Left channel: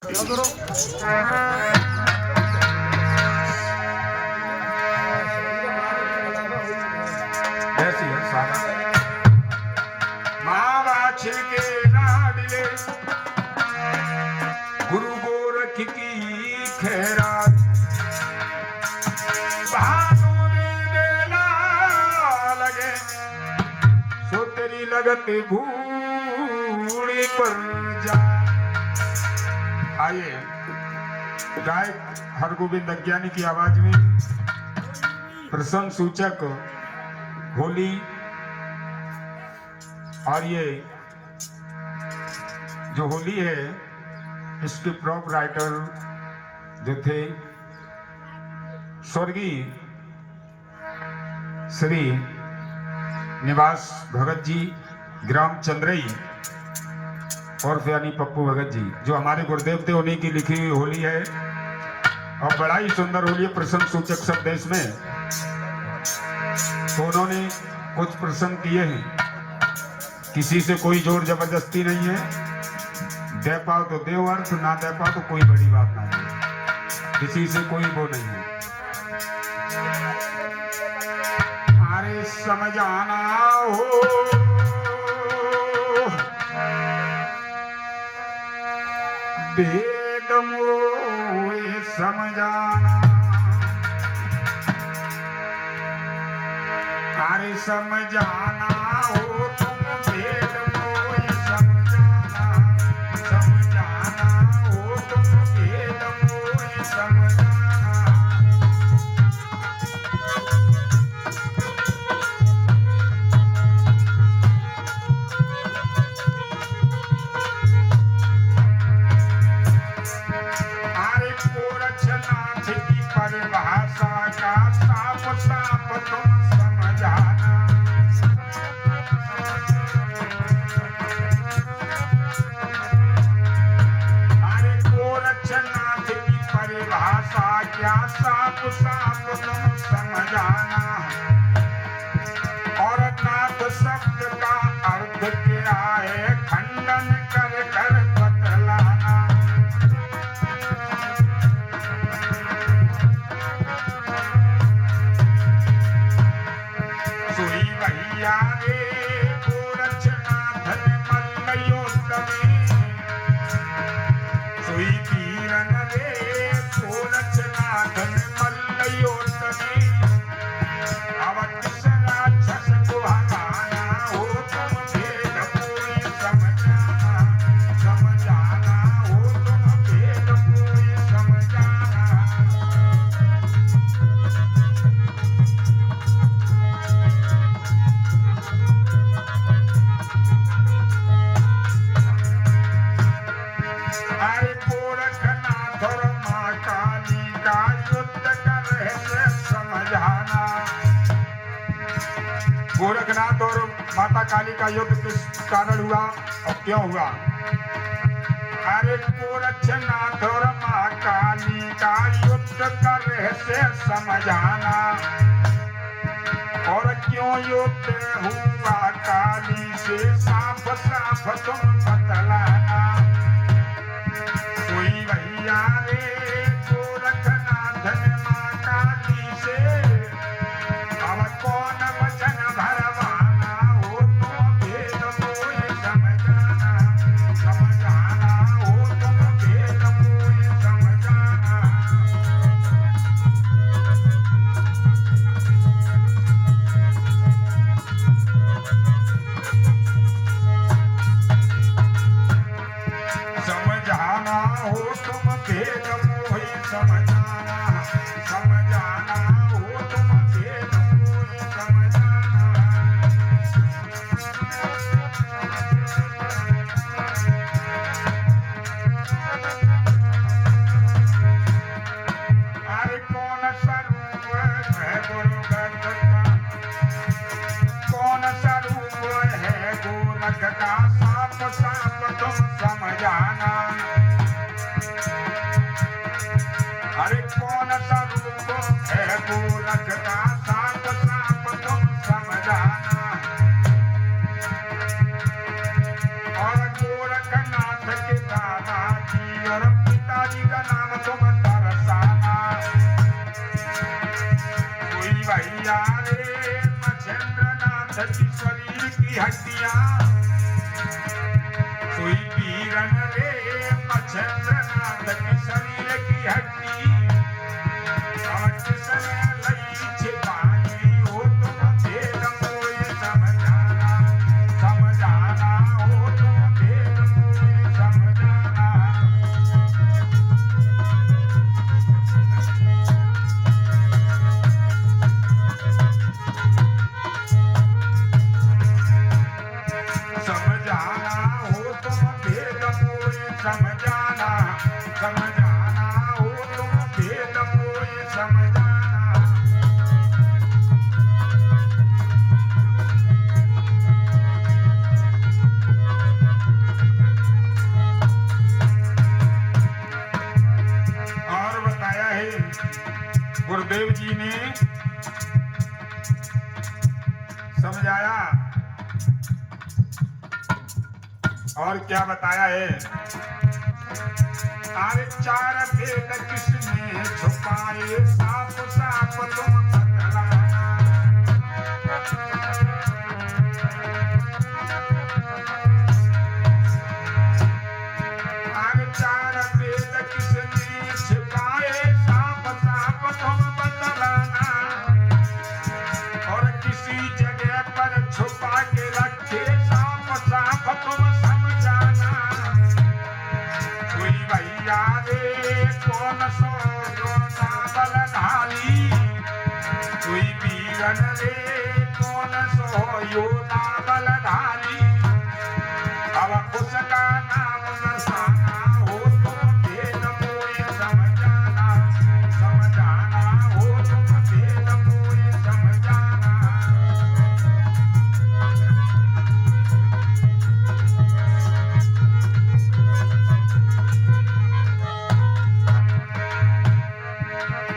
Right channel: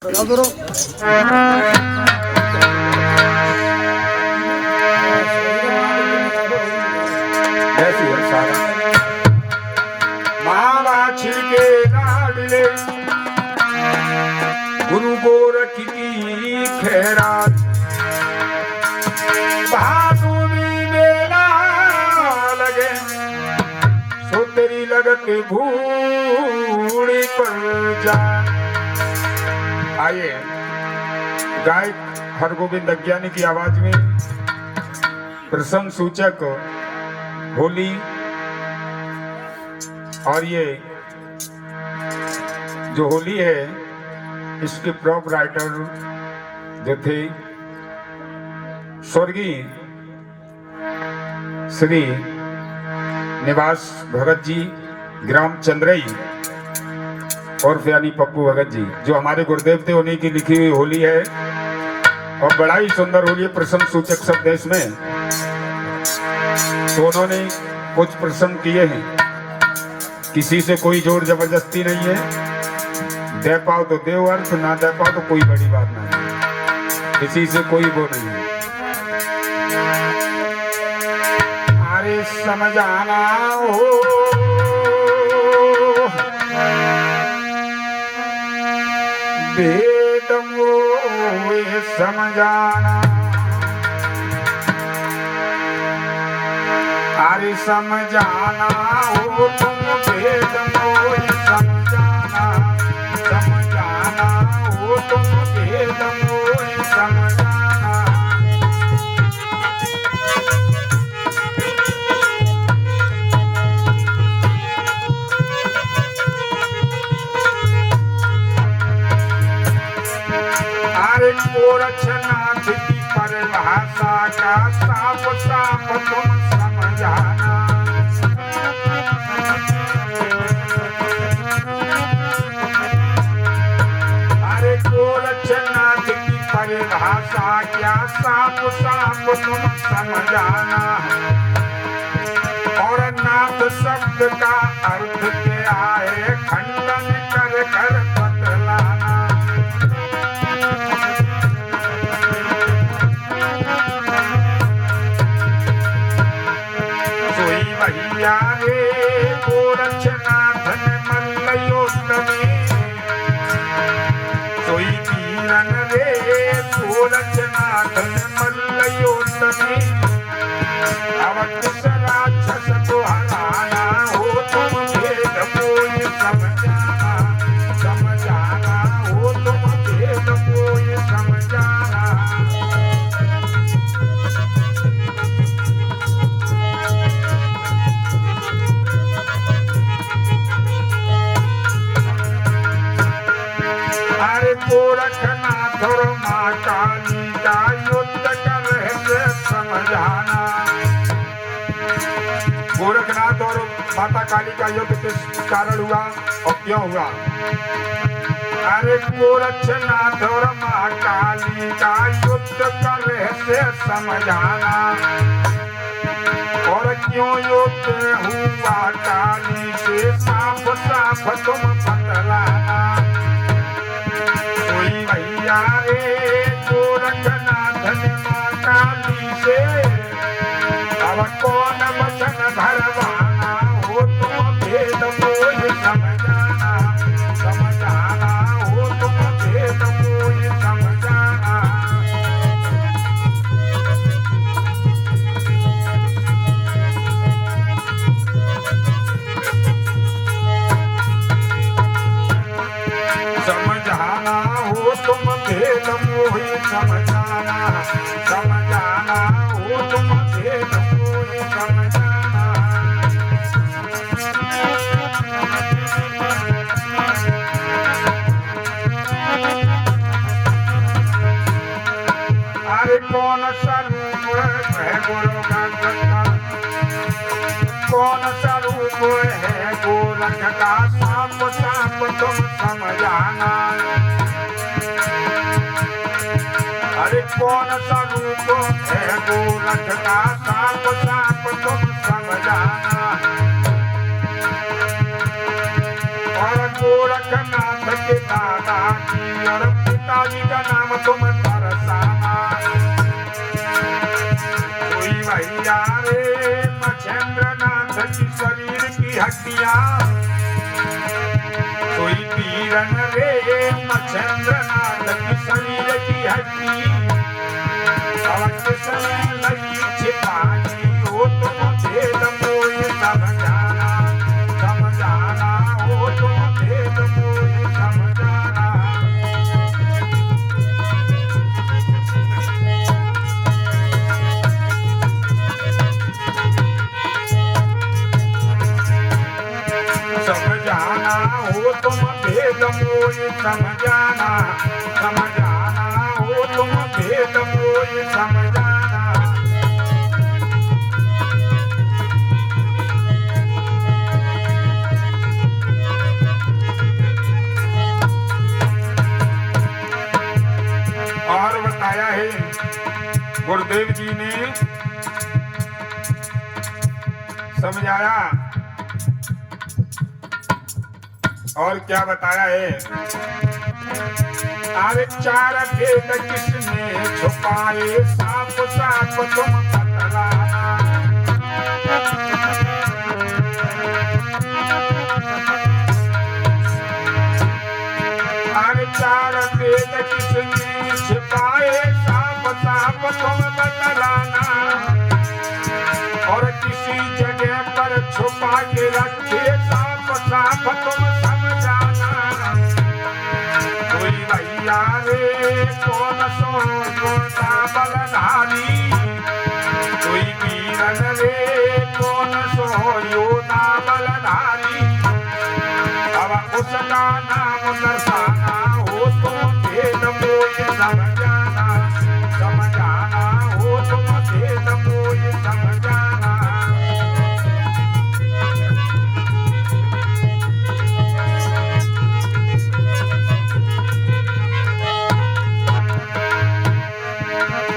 मावा छिड़के लाडले गुरु गोरख की खैरात भादुनी मेला लगे सो तेरी लगत भूड़ी पर जा। आइए गायक हरगोविंद अज्ञानी की आवाज में प्रसंग सूचक होली और ये जो होली है इसके प्रॉप राइटर जो थे स्वर्गीय श्री निवास भगत जी ग्राम चंद्रई और यानी पप्पू भगत जी जो हमारे गुरुदेव थे उन्हीं की लिखी हुई होली है और बड़ा ही सुंदर होली है। प्रसंग सूचक शब्द है इसमें। तो उन्होंने कुछ प्रसंग किए हैं, किसी से कोई जोर जबरदस्ती नहीं है, दे पाओ तो दे अर्थ, ना दे पाओ तो कोई बड़ी बात नहीं है, किसी से कोई वो नहीं है। अरे समझाना हो वेद मोए समझाना, अरे समझाना हो तुम वेद मोए समझाना, समझाना हो तुम वेद मोए समझाना। अरे गोरक्षनाथ की परिभाषा का साफ साफ तुम समझाना, अरे गोरक्षनाथ की परिभाषा क्या साफ साफ तुम समझाना। और नाथ शब्द का अर्थ क्या है खंडन कर कर बतलाना। भैया रे गोरक्षनाथ में मल्लयोत्तमे, सोई वीरन रे गोरक्षनाथ में मल्लयोत्तमे, अवध राक्षस को हराना हो तुम भेद मोय समझाना, समझाना हो तुम भेद मोय समझाना। गोरखनाथ और माँ काली का युद्ध का रहस्य समझाना, गोरखनाथ और माता काली का युद्ध किस कारण हुआ और क्यों हुआ। अरे गोरखनाथ और माँ काली का युद्ध का रहस्य समझाना, और क्यों युद्ध हुआ काली से साफ साफ तुम बतलाना। कोई भैया रे गोरखनाथ ने माँ काली से अब कौन वचन भरवाना हो तुम भेद मोय समझाना, समझाना हो तुम भेद मोय समझाना। समझाना हो तुम भेद मोहि समझाना, समझाना हो तुम भेद मोहि समझाना। अरे कौन सा रूप है गोरख का, कौन सा रूप है गोरख का साफ साफ तुम समझाना। अरे कौन सा रूप है गोरख का साफ साफ तुम समझाना। और गोरखनाथ के दादाजी और जी का नाम तुम तरसाना। कोई भैया रे मच्छेंद्र नाथ की शरीर की हड्डियां, कोई पीरन रे मच्छेंद्र नाथ की शरीर की हड्डी, अवश्य समय लगी छिपाई हो तुम भेद मोय समझाना, समझाना हो तुम भेद मोय समझाना। समझाना हो तुम भेद मोय समझाना, समझाना हो तुम भेद मोय समझाना। और बताया है गुरुदेव जी ने समझाया, और क्या बताया है? अरे चार भेद किसने छुपाए, साफ साफ तुम बतलाना। अरे चार भेद किसने छुपाए, साफ साफ तुम बतलाना। और किसी जगह पर छुपा के रखे, साफ साफ तुम समझाना। कोई भैया रे कौन सो योदा बलधारी, कोई वीरन रे कौन सो योदा बलधारी, अब उसका नाम दर्शाना हो तुम भेद मोय समझाना, समझाना हो तुम भेद मोय समझाना।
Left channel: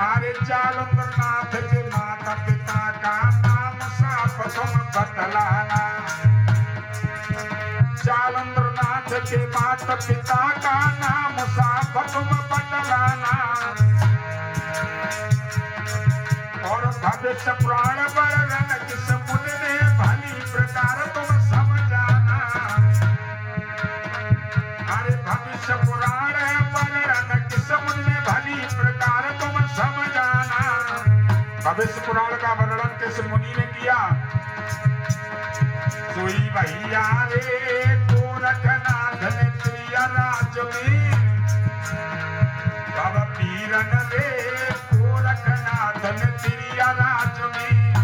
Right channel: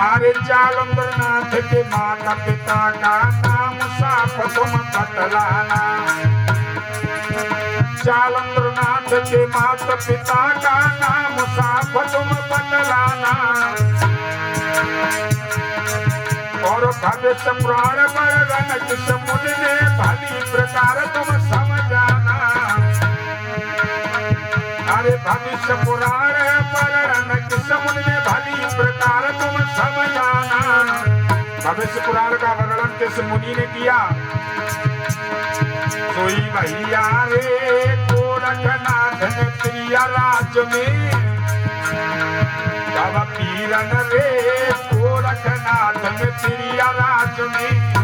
अरे जालंधर नाथ के माता पिता का नाम साफ तुम बतलाना। जालंधर नाथ के माता पिता का नाम साफ तुम बतलाना। और भविष्य पुराण वर्णन किस मुनि ने भली प्रकार तुम समझाना। अरे भविष्य पुराण वर्णन किस मुनि ने भली प्रकार तुम समझाना। भविष्य पुराण का वर्णन किस मुनि ने किया? कोई भैया रे गोरखनाथ ने प्रिय राज में, तब पीरन रे गोरखनाथ ने प्रिय राज में,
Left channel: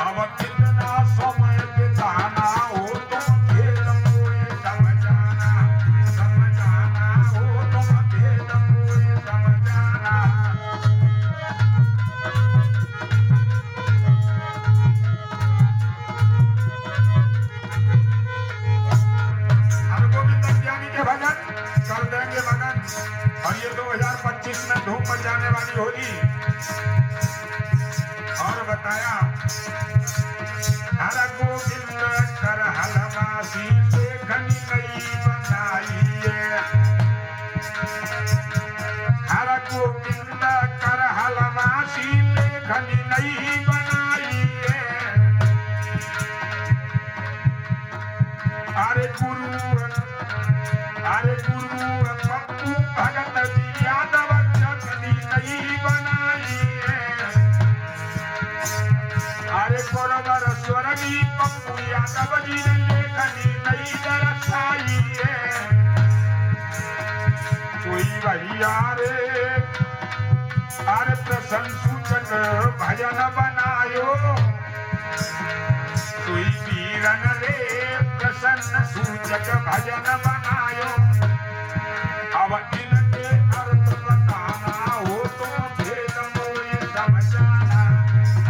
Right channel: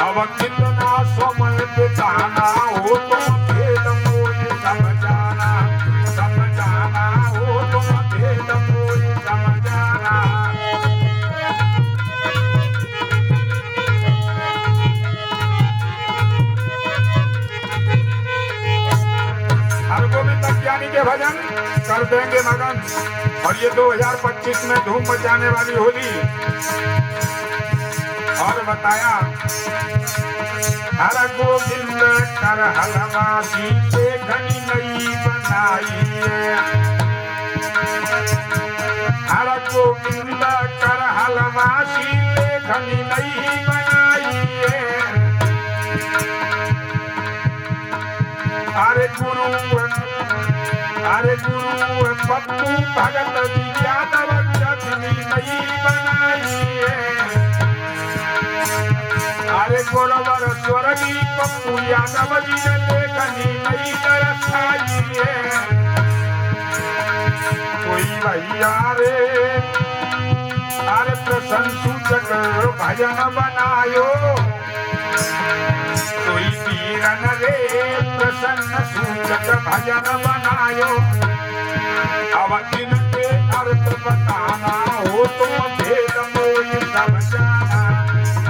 अब कितना समय बिताना हो तुम भेद मोय समझाना, समझाना हो तुम भेद मोय समझाना। के भजन कर देंगे मगन, और ये 2025 में धूम मचाने वाली होली। और बताया हर गोविंद कर हलवासी देखनी नई बनाई है। हर गोविंद कर हलवासी लेखनी नई बनाई है। अरे गुरु पप्पू भगत जी यादव चटनी नई बनाई है। अरे गोरवर स्वर्गी पप्पू यादव जी ने लेखनी नई दर्शाई है। कोई भैया रे अरे प्रसन्न सूचक भजन बनायो। कोई पीरन रे प्रसन्न सूचक भजन बनायो। अब इनके अर्थ बताना हो तुम भेद मोय समझाना।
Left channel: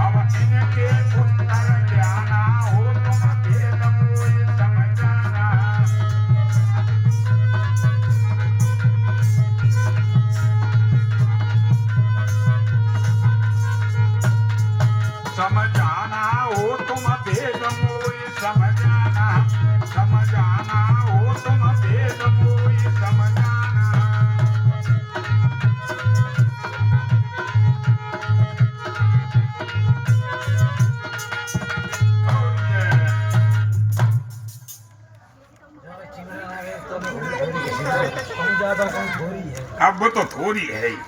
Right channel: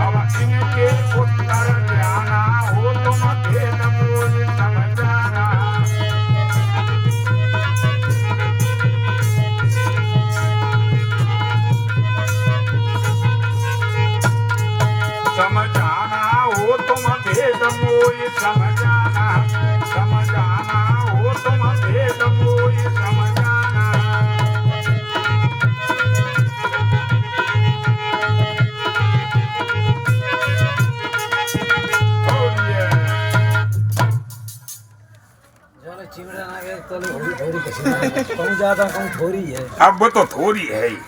अब इनके उत्तर ज्ञाना हो तुम भेद मोय समझाना। समझाना हो तुम भेद मोय समझाना। समझाना हो तुम भेद मोय समझाना। ज्यादा कौन थोड़ी है। अब वो तो थोड़ी है ही।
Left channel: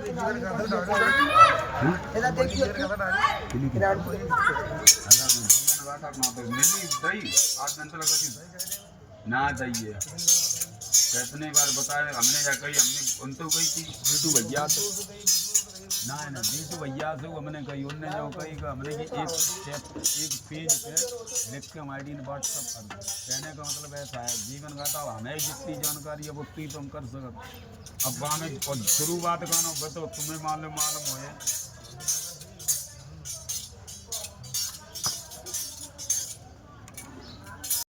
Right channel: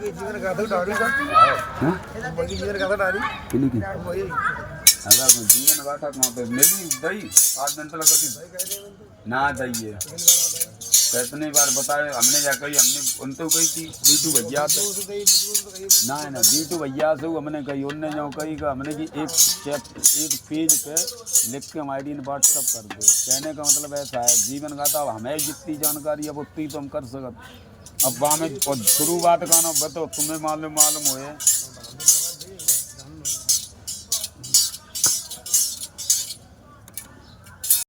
जीवन का तो डाड़ी का जीवन का तो डाड़ी अगर जीवन गाथा ना तो मेरी दही आज दिन तक कभी ना दही है कितने बार बताए हमने या कही हमने उन तो कही थी बीटू भैया तो ना है ना बीटू भैया से हमने कही उनने जो कही का हमने कि एक पेज पे लिख के हमारी व्हाट्सअप कर दो। कहने का मतलब ऐसा है जीवन गाथा हमें जितनी जानकारी है उतनी तो हम कर सकते। अब वहाँ में शुरुआत का ना तो तुम्हें मालूम हुए